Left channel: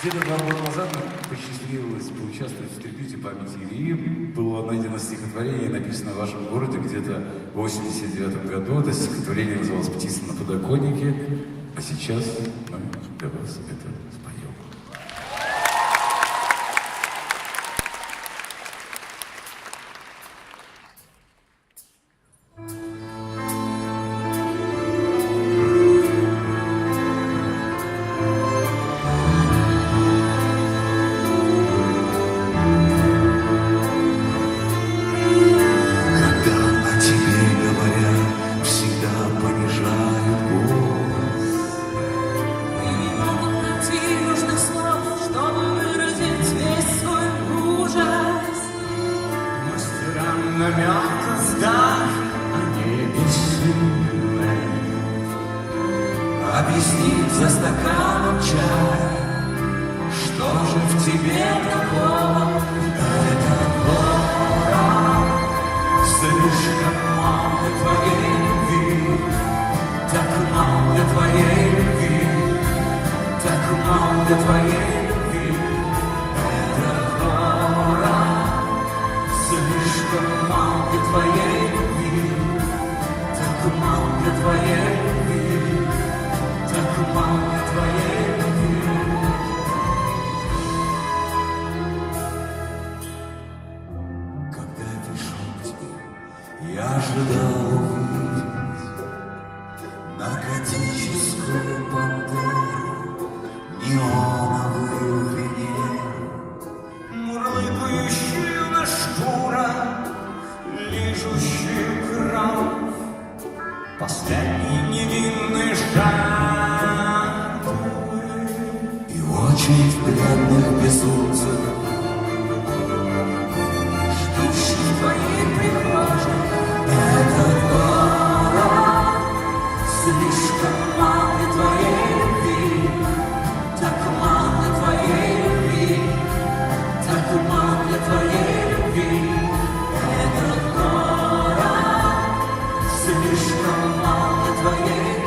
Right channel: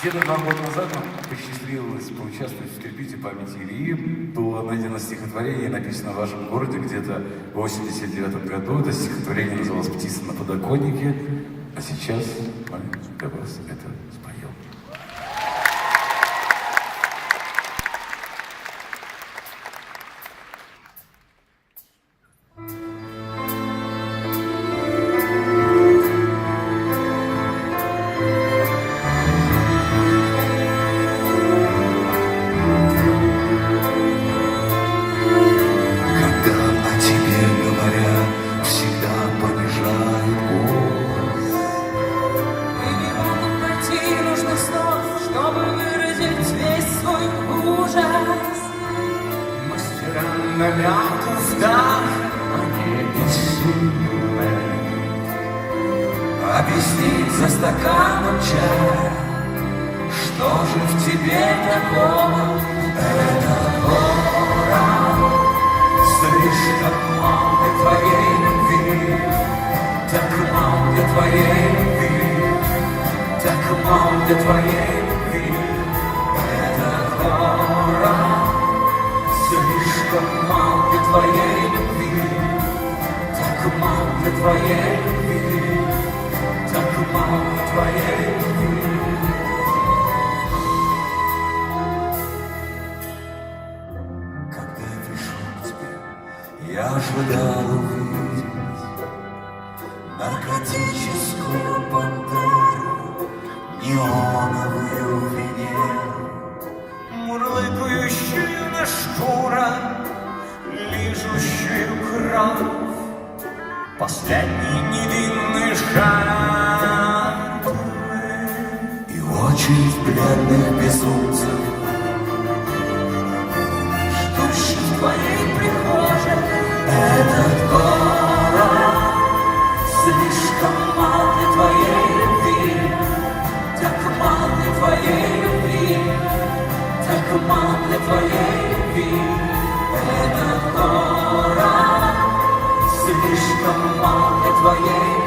Где-то 2 года назад нам посчастливилось поучаствовать в трибюте памяти Ильи. Было найдено стихотворение, написано в вашем городе где-то в 89 году. Это стихотворение называлось «Птица на подоконнике». А сейчас мы для вас это споем. Объяснить за стаканом чая, что же в тебе такого? Это пора. Слишком мал для твоей любви, так мал для твоей любви, так мал для твоей любви. Это пора. Слишком мал для твоей любви, так мал для твоей любви. Так мало твоей любви. Когда я пришел к тебе, я ожидал увидеть наркотическую пантеру, неоновую Венеру, мурлыкающую на шкура, лижущую кровь, последний невинный жар. Очередь бледных безумцев, ждущих в твоей прихожей. Этот город слишком мал для твоей любви, так мал для твоей любви, так мал для твоей любви. Этот город слишком мал для твоей любви.